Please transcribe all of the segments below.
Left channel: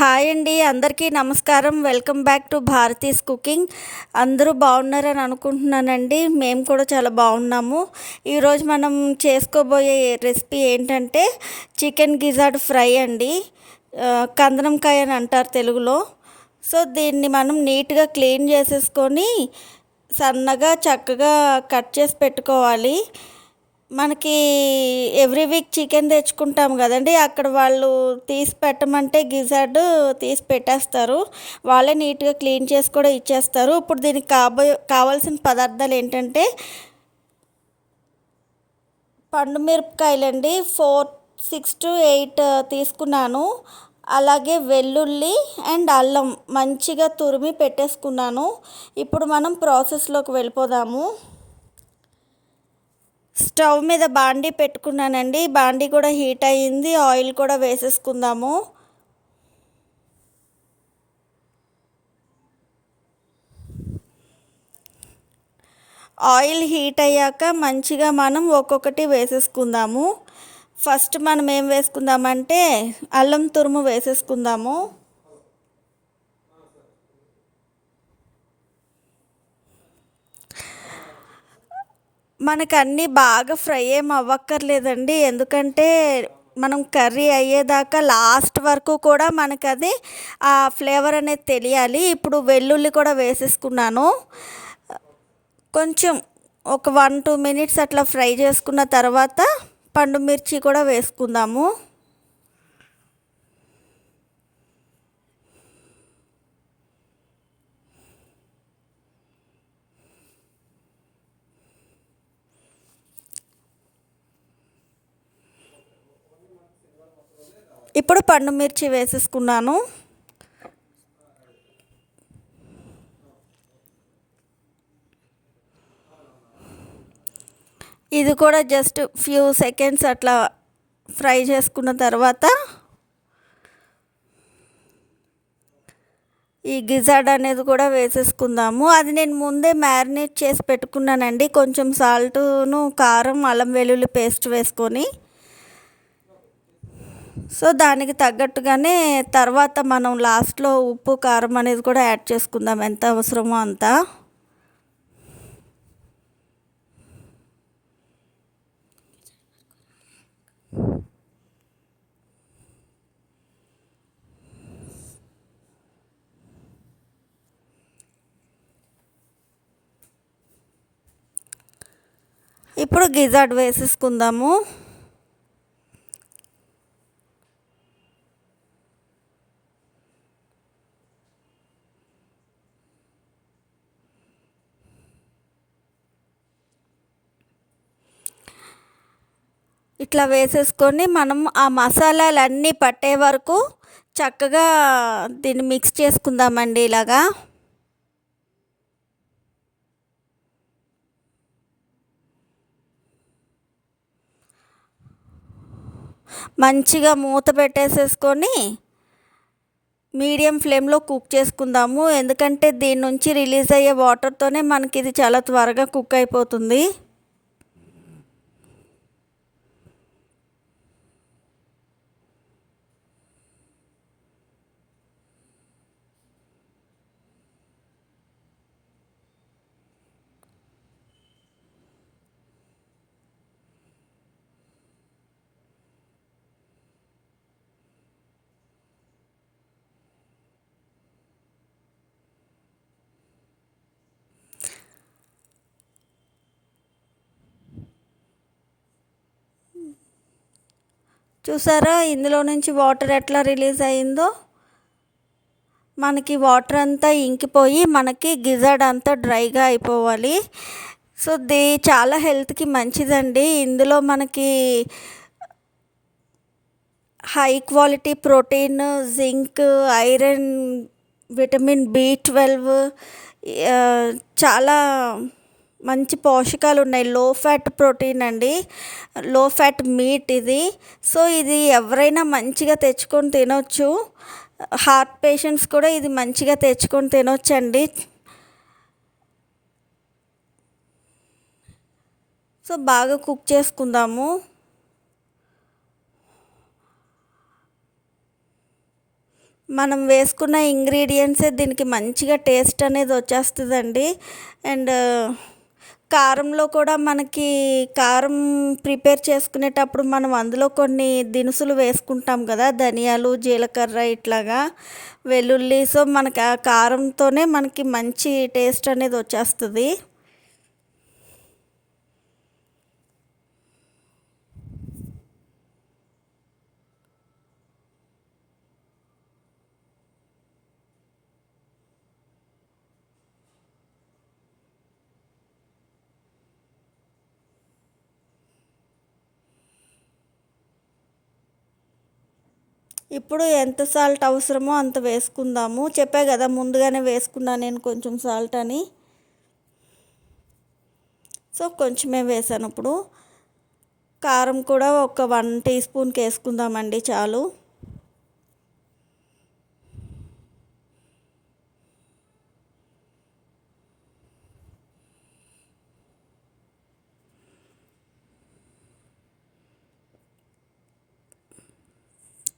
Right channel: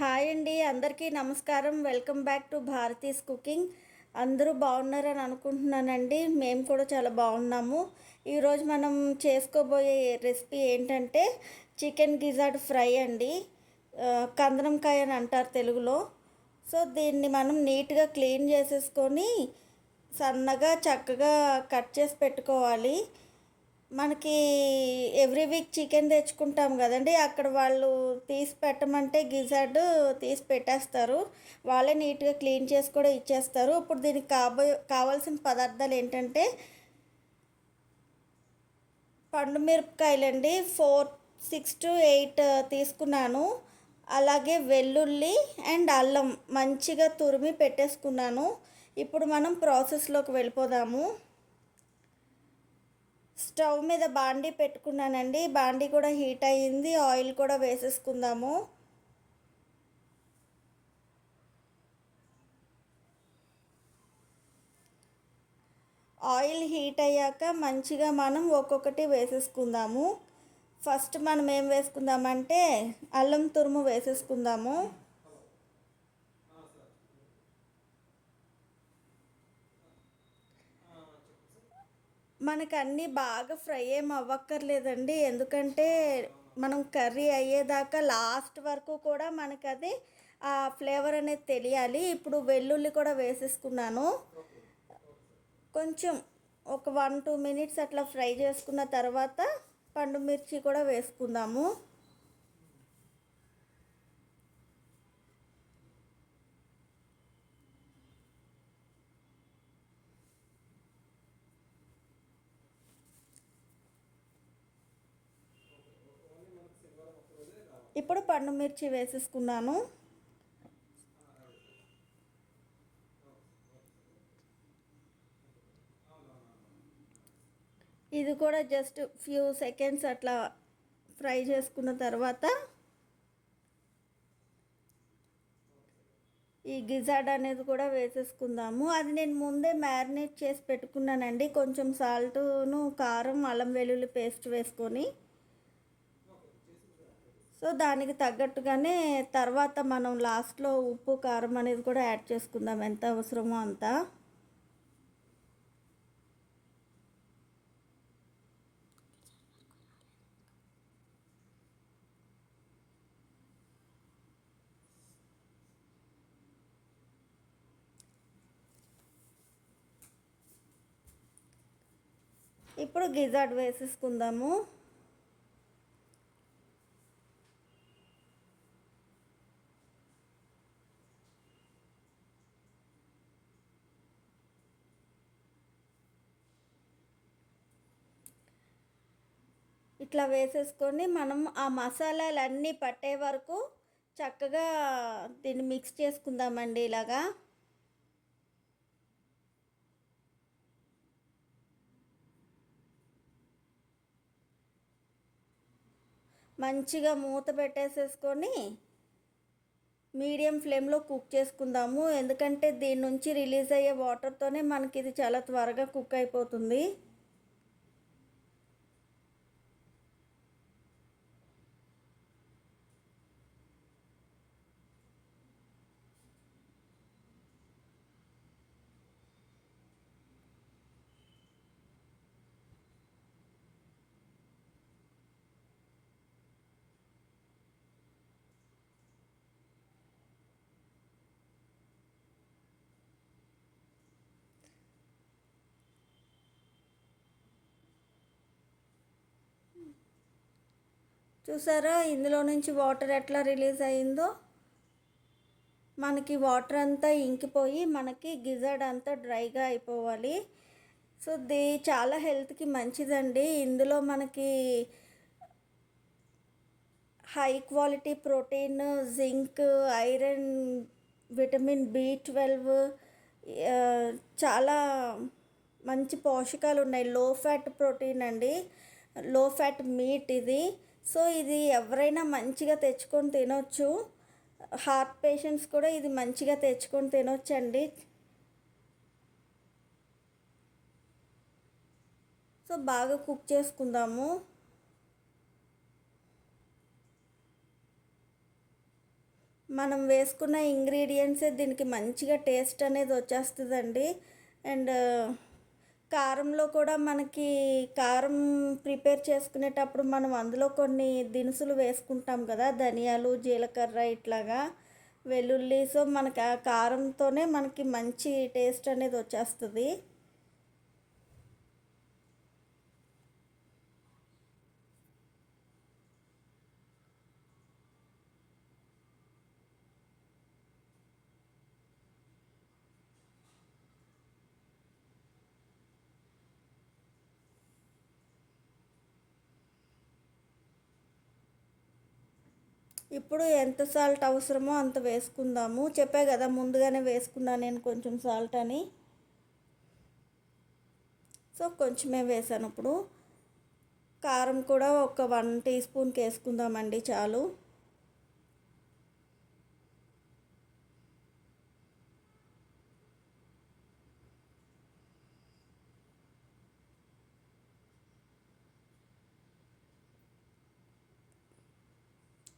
Hi అండి, అందరికీ నమస్కారం. Welcome back to Bharati's cooking. అందరూ బాగున్నారని అనుకుంటున్నానండి. మేము కూడా చాలా బాగున్నాము. ఈరోజు మనం చేసుకోబోయే రెసిపీ ఏంటంటే చికెన్ గిజార్డ్ ఫ్రై అండి. కందనంకాయ అని అంటారు తెలుగులో. సో దీన్ని మనం నీట్గా క్లీన్ చేసేసుకొని సన్నగా చక్కగా కట్ చేసి పెట్టుకోవాలి. మనకి ఎవ్రీ వీక్ చికెన్ తెచ్చుకుంటాం కదండి, అక్కడ వాళ్ళు తీసి పెట్టమంటే గిజార్డ్ తీసి పెట్టేస్తారు. వాళ్ళే నీట్గా క్లీన్ చేసి కూడా ఇచ్చేస్తారు. ఇప్పుడు దీనికి కావాల్సిన పదార్థాలు ఏంటంటే పండు మిరపకాయలండి 6 to 8 తీసుకున్నాను. అలాగే వెల్లుల్లి అండ్ అల్లం మంచిగా తురిమి పెట్టేసుకున్నాను. ఇప్పుడు మనం ప్రాసెస్లోకి వెళ్ళిపోదాము. స్టవ్ మీద బాండీ పెట్టుకున్నానండి. బాండీ కూడా హీట్ అయ్యింది. ఆయిల్ కూడా వేసేసుకుందాము. ఆయిల్ హీట్ అయ్యాక మంచిగా మనం ఒక్కొక్కటి వేసేసుకుందాము. ఫస్ట్ మనం ఏం వేసుకుందామంటే అల్లం తురుము వేసేసుకుందాము. మనకు అన్నీ బాగా ఫ్రై ఏం అవ్వక్కర్లేదండి, ఎందుకంటే మనం కర్రీ అయ్యేదాకా లాస్ట్ వరకు కూడా మనకు అది ఆ ఫ్లేవర్ అనేది తెలియాలి. ఇప్పుడు వెల్లుల్లి కూడా వేసేసుకున్నాను. కొంచెం ఒక 1-2 మినిట్స్ అట్లా ఫ్రై చేసుకున్న తర్వాత పండు మిర్చి కూడా వేసుకుందాము. ఇప్పుడు పండు మిర్చి వేసేసుకున్నాను. ఇది కూడా జస్ట్ ఫ్యూ సెకండ్స్ అట్లా ఫ్రై చేసుకున్న తర్వాత ఈ గిజార్డ్ అనేది కూడా వేసేసుకుందాము. అది నేను ముందే మ్యారినేట్ చేసి పెట్టుకున్నానండి, కొంచెం సాల్టును కారం అల్లం వెల్లుల్లి పేస్ట్ వేసుకొని. సో దానికి తగ్గట్టుగానే తర్వాత మనం లాస్ట్లో ఉప్పు కారం అనేది కూడా యాడ్ చేసుకుందాం, ఎంత అవసరమో అంత. ఇప్పుడు గిజార్డ్ వేసేసుకుందాము. ఇట్లా వేసేసుకొని మనం ఆ మసాలాలన్నీ పట్టే వరకు చక్కగా దీన్ని మిక్స్ చేసుకుందామండి. ఇలాగా మంచిగా మూత పెట్టేసేసుకొని మీడియం ఫ్లేమ్లో కుక్ చేసుకుందాము, ఎందుకంటే దీని నుంచి రిలీజ్ అయ్యే వాటర్తోనే మనకి ఇది చాలా త్వరగా కుక్ అయిపోతుంది. చూసారా ఇందులో నుంచి వాటర్ ఎట్లా రిలీజ్ అయిందో. మనకి వాటర్ అంతా ఇంకిపోయి మనకి గిజార్డ్ అంతా డ్రైగా అయిపోవాలి. సో చాలా హెల్త్కి మంచిదండి. ఇందులో మనకి high quality protein, zinc, iron, vitamin B12 చాలా మంచి పోషకాలు ఉన్నాయి. లో ఫ్యాట్ ప్రోటీన్ అండి, లో ఫ్యాట్ మీట్ ఇది. సో ఇది ఎవరైనా మంచిగా తెచ్చుకొని తినొచ్చు. హార్ట్ పేషెంట్స్ కూడా ఇది మంచిగా తెచ్చుకొని తినొచ్చండి. సో బాగా కుక్ చేసుకుందాము. మనం వేసుకున్న ఇంగ్రీడియంట్సే దీనికి మంచిగా టేస్ట్ అనేది వచ్చేస్తుందండి. అండ్ కారంలో కూడా మనకి కారం ప్రిపేర్ చేసుకునేటప్పుడు మనం అందులో కొన్ని దినుసులు వేసుకుంటాం కదా, ధనియాలు, జీలకర్ర ఇట్లాగా, వెల్లుల్లి. సో మనకి ఆ కారంతోనే మనకి మంచి టేస్ట్ అనేది వచ్చేస్తుంది. ఇప్పుడు ఎంత సాల్ట్ అవసరమో అంత వేసుకుందాము. చెప్పా కదా ముందుగానే వేసుకున్నాను నేను కొంచెం సాల్ట్ అని. సో కొంచెమే వేసాను. ఇప్పుడు కారం కూడా ఒక 1 టీ స్పూన్కి వేసుకుందామండి, చాలు.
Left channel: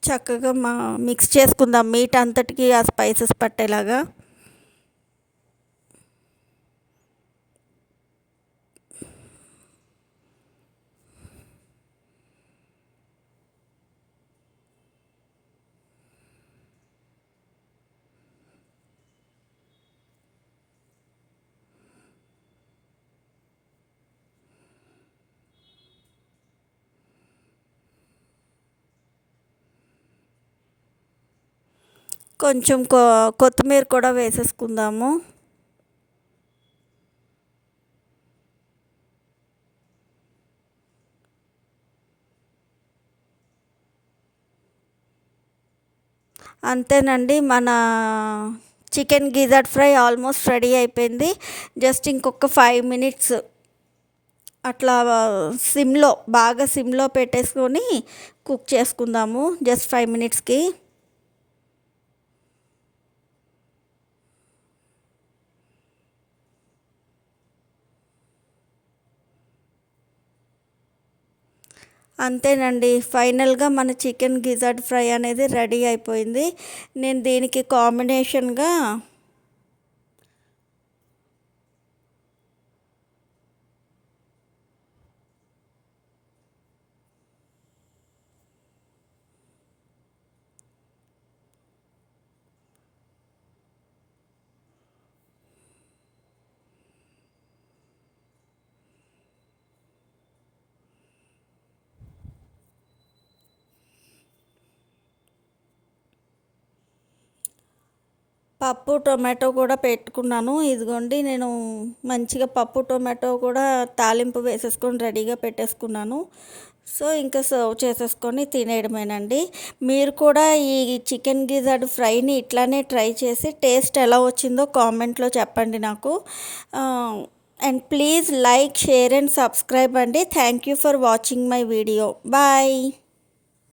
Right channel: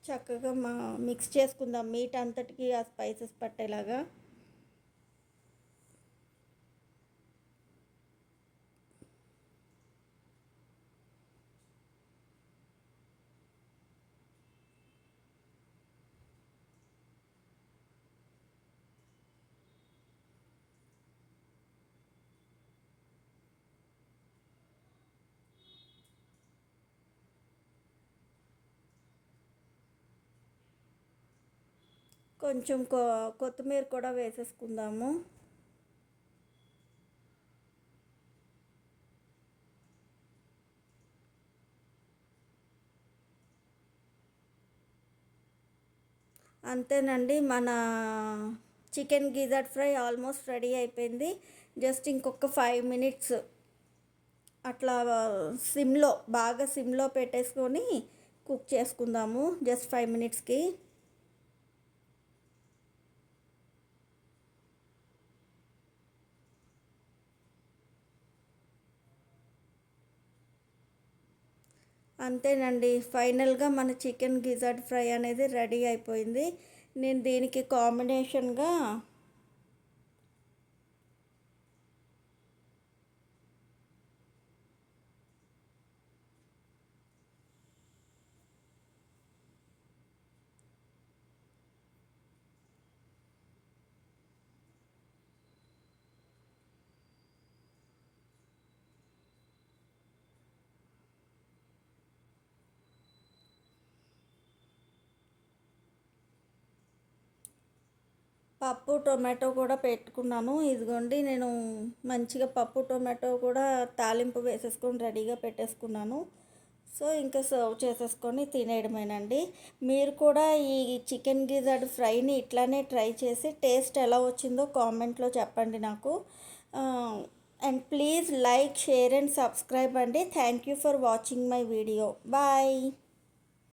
చక్కగా మిక్స్ చేసుకుందాం మీట్ అంతటికి ఆ స్పైసెస్ పట్టేలాగా. కొంచెం కొత్తిమీర కూడా వేసేసుకుందాము. అంతేనండి, మన chicken gizzard fry almost ready అయిపోయింది. జస్ట్ ఇంకొక 5 మినిట్స్ అట్లా బాగా సిమ్లో పెట్టేసుకొని కుక్ చేసుకుందాము, జస్ట్ 5 మినిట్స్కి. అంతేనండి, ఫైనల్గా మన చికెన్ గిజార్డ్ ఫ్రై అనేది రెడీ అయిపోయింది. నేను దీనికి కాంబినేషన్గా పప్పు టొమాటో కూడా పెట్టుకున్నాను. ఇదిగోండి, నేను మంచిగా పప్పు టొమాటో కూడా తాలింపు వేసేసుకొని రెడీగా పెట్టేసుకున్నాను. సో ఇంకా సర్వ్ చేసేసుకొని తినేయడమేనండి. మీరు కూడా ఈ చికెన్ గిజార్డ్ ఫ్రైని ఇట్లానే ట్రై చేసి టేస్ట్ ఎలా వచ్చిందో కామెంట్లో చెప్పండి నాకు. And please like, share and subscribe అండి. Thank you for watching my video. Bye.